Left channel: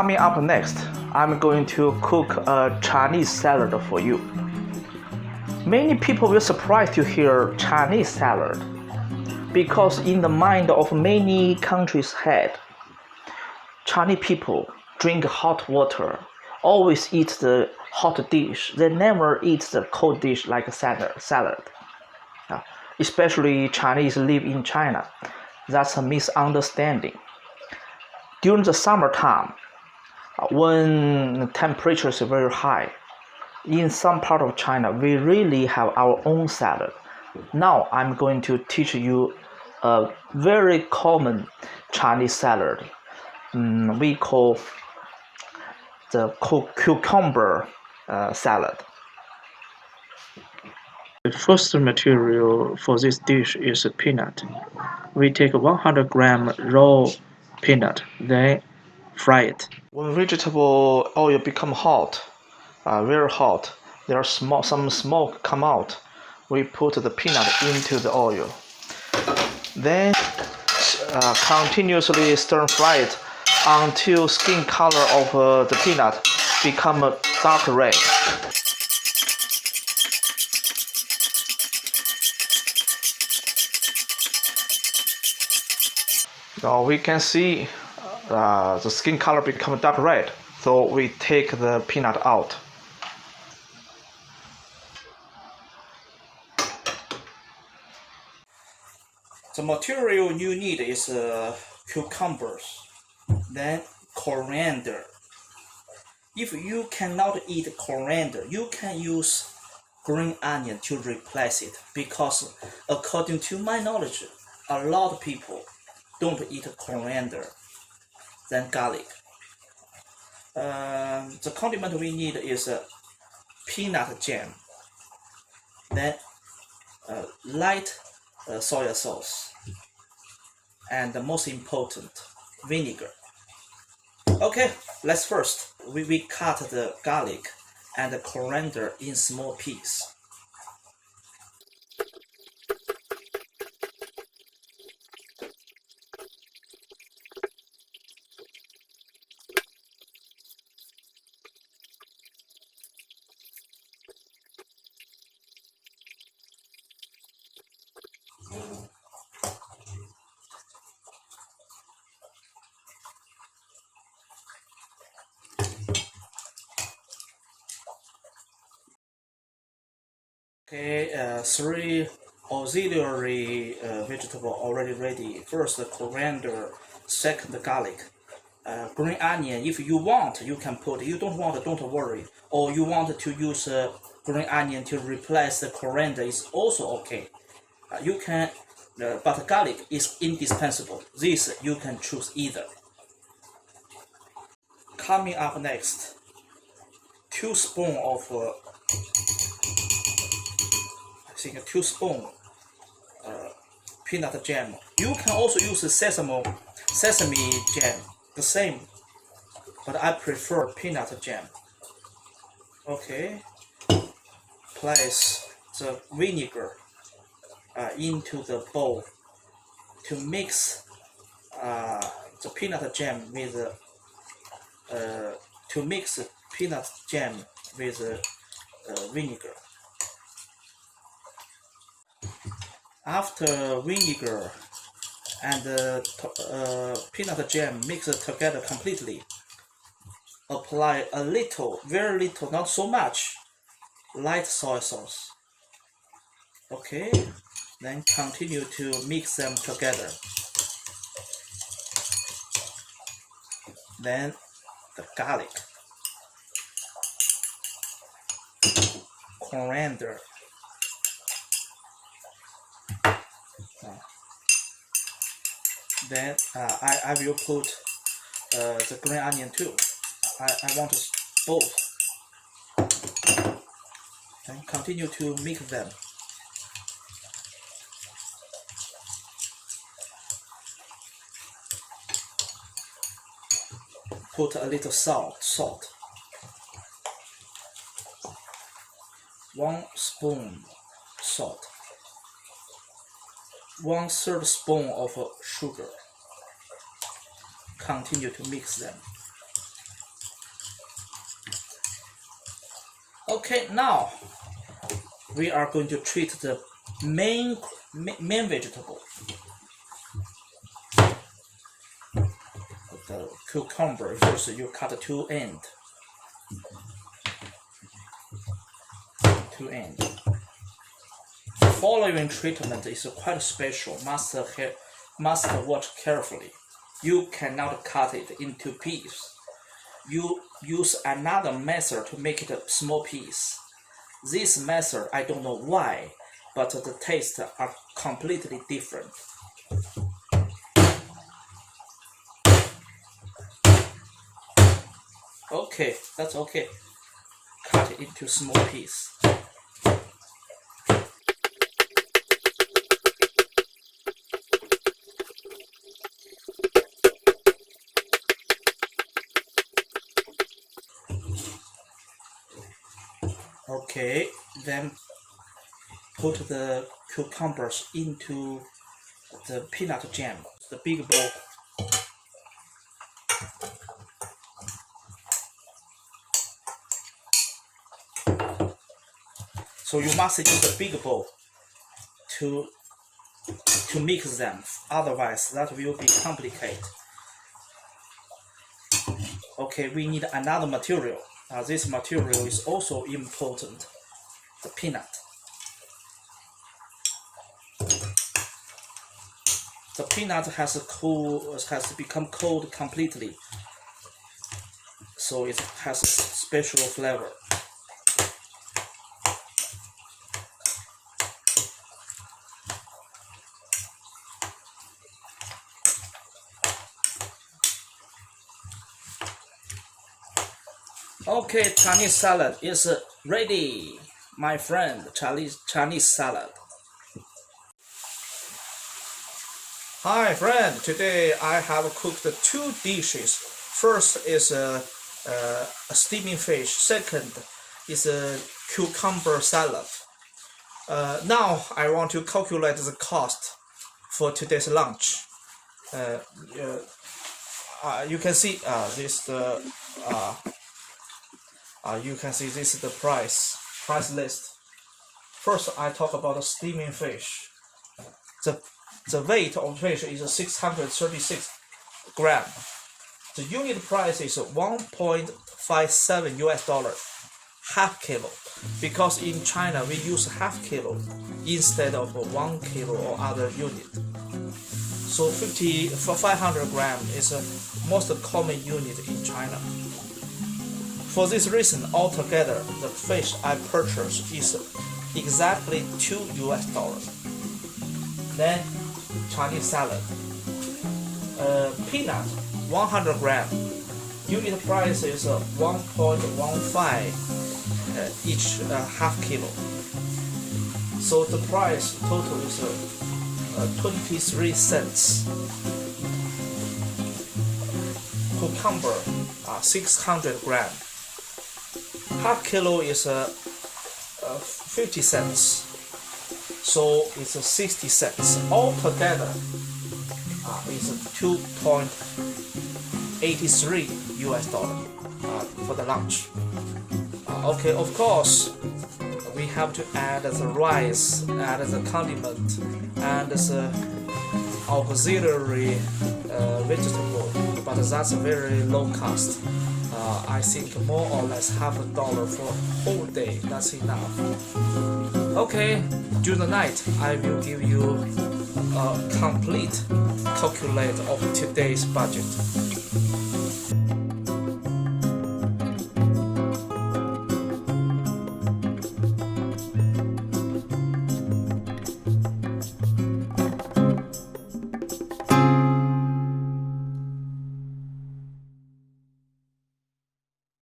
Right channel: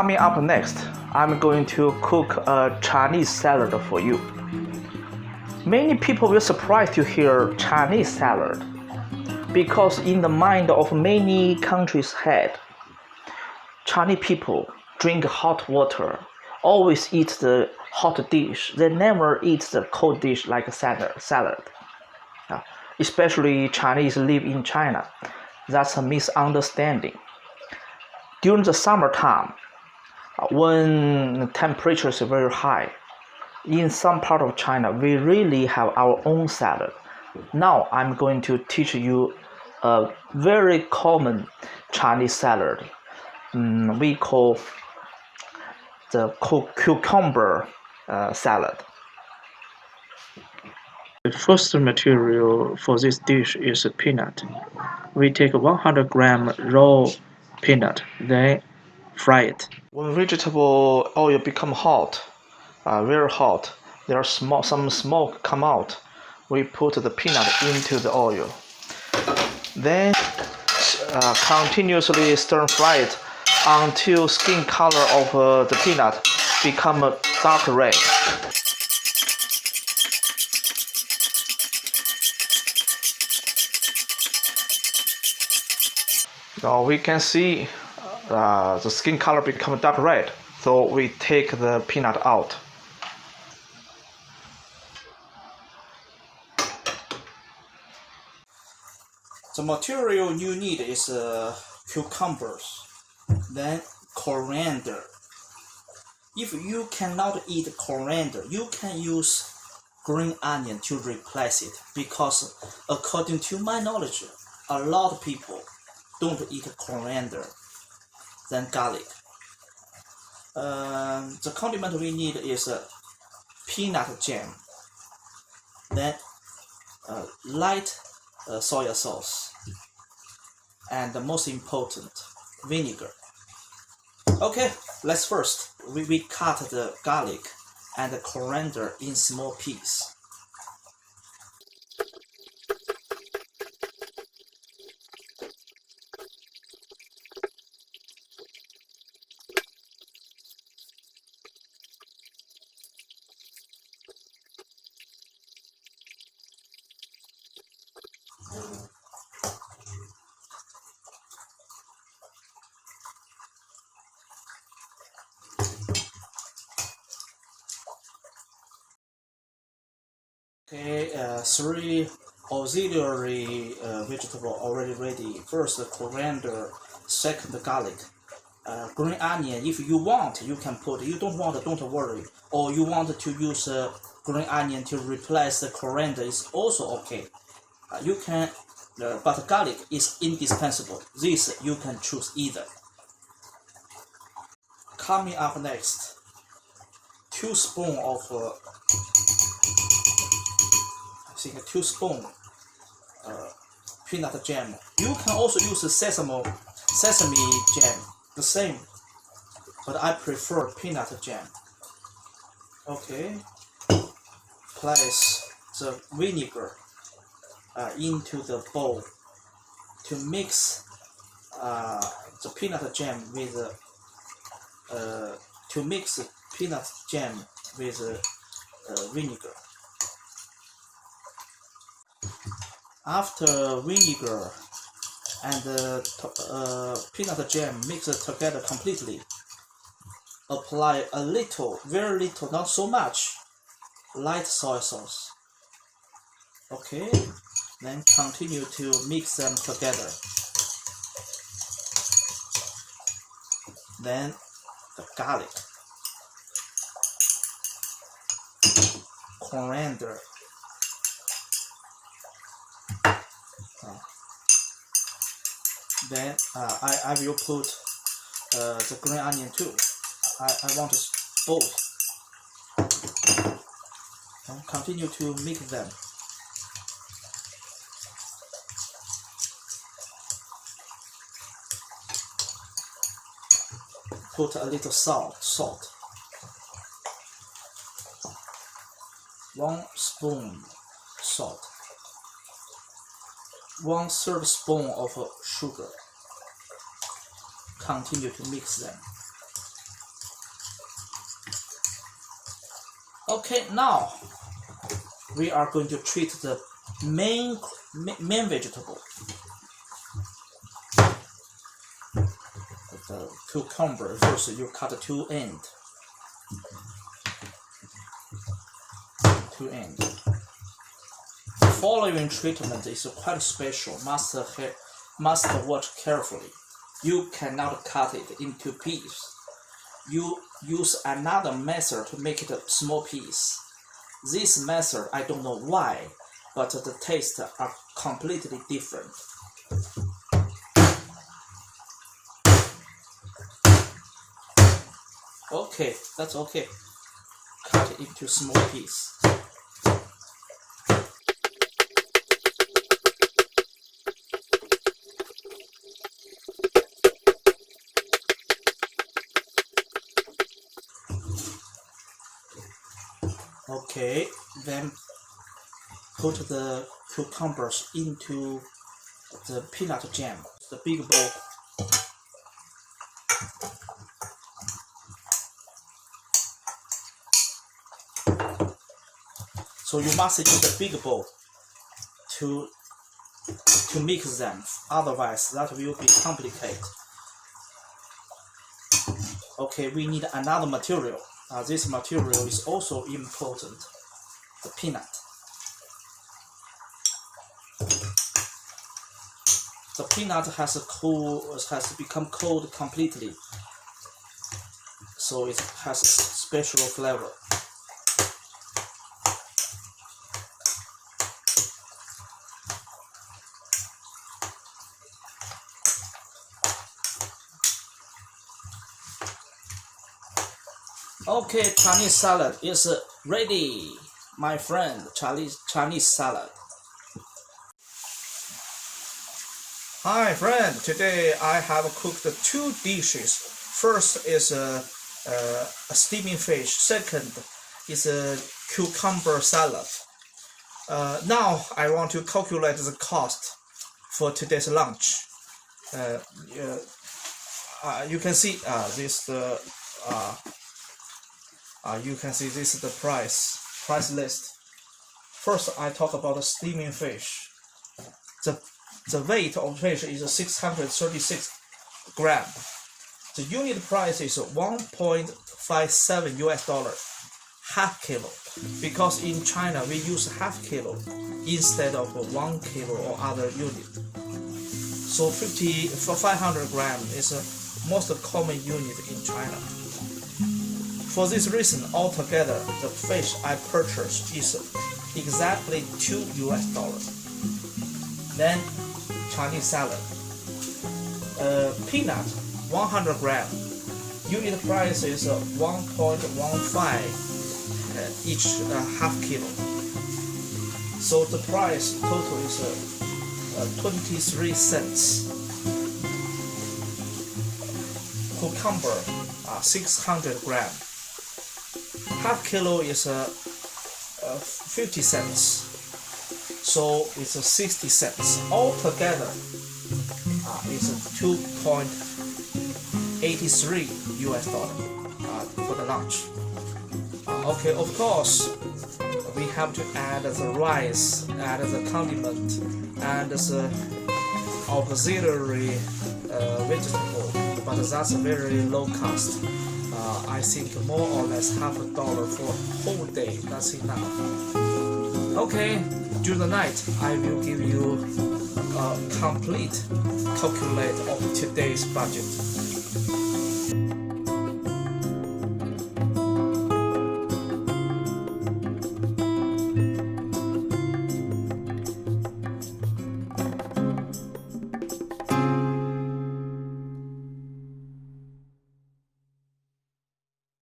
Coming up next, I'm going to cook a Chinese salad for you. Many people will be surprised to hear Chinese salad because in the mind of many countries' head, Chinese people drink hot water, always eat the hot dish. They never eat the cold dish like a salad. Especially Chinese live in China. That's a misunderstanding. During the summertime, when temperature is very high, in some part of China, we really have our own salad. Now I'm going to teach you a very common Chinese salad. We call the cucumber salad. The first material for this dish is peanut. We take 100 gram raw peanut, then fry it. When vegetable oil become hot, very hot, there's some smoke come out. We put the peanut into the oil. Then continuously stir fry it until skin color of the peanut become dark red. Now we can see the skin color become dark red, so we take the peanut out. The material you need is cucumbers, then coriander. If you cannot eat coriander, you can use green onion to replace it, because according to my knowledge, a lot of people don't eat coriander, then garlic. The condiment we need is peanut jam, then light soy sauce, and the most important, vinegar. Okay, let's first we cut the garlic and the coriander in small pieces. Okay, three auxiliary vegetable already ready. First the coriander, second the garlic, green onion. If you want, you can put. You don't want, don't worry. Or you want to use green onion to replace the coriander is also okay. You can, but garlic is indispensable. This you can choose either. Coming up next, 2 spoons of. I think 2 spoons peanut jam. You can also use sesame jam, the same, but I prefer peanut jam. Okay, place the vinegar into the bowl to mix the peanut jam with vinegar. After vinegar and peanut jam mixed together completely, apply a little, very little, not so much, light soy sauce. Okay, then continue to mix them together. Then the garlic, coriander, then I will put the green onion too. I want both. And continue to mix them. Put a little salt. 1 spoon salt. 1/3 spoon of sugar. Continue to mix them. Okay, now we are going to treat the main vegetable, the cucumber. First, you cut two ends. The following treatment is quite special. Must watch carefully. You cannot cut it into pieces. You use another method to make it a small piece. This method, I don't know why, but the tastes are completely different. Okay, that's okay. Cut it into small pieces. Okay, then put the cucumbers into the peanut jam, the big bowl. So you must use the big bowl to mix them, otherwise that will be complicated. Okay, we need another material. This material is also important, the peanut. The peanut has become cold completely, so it has a special flavor. Okay, Chinese salad is ready, my friend. Chinese salad. Hi, friend. Today I have cooked two dishes. First is a steaming fish. Second is a cucumber salad. Now I want to calculate the cost for today's lunch. You can see this. You can see this is the price list. First, I talk about the steaming fish. The weight of fish is 636 grams. The unit price is $1.57 US, half kilo. Because in China we use half kilo instead of 1 kilo or other unit. So 500 grams is the most common unit in China. For this reason, altogether, the fish I purchased is exactly $2 US. Then, Chinese salad. Peanut, 100 grams. Unit price is 1.15 each half kilo. So the price total is 23 cents. Cucumber, 600 grams. Half kilo is 50 cents, so it's 60 cents. Altogether, is $2.83 US for the lunch. Okay, of course, we have to add the rice, add the condiment, and the auxiliary vegetable, but that's very low cost. I think more or less $50 for a whole day, that's enough. Okay, during the night I will give you a complete calculate of today's budget.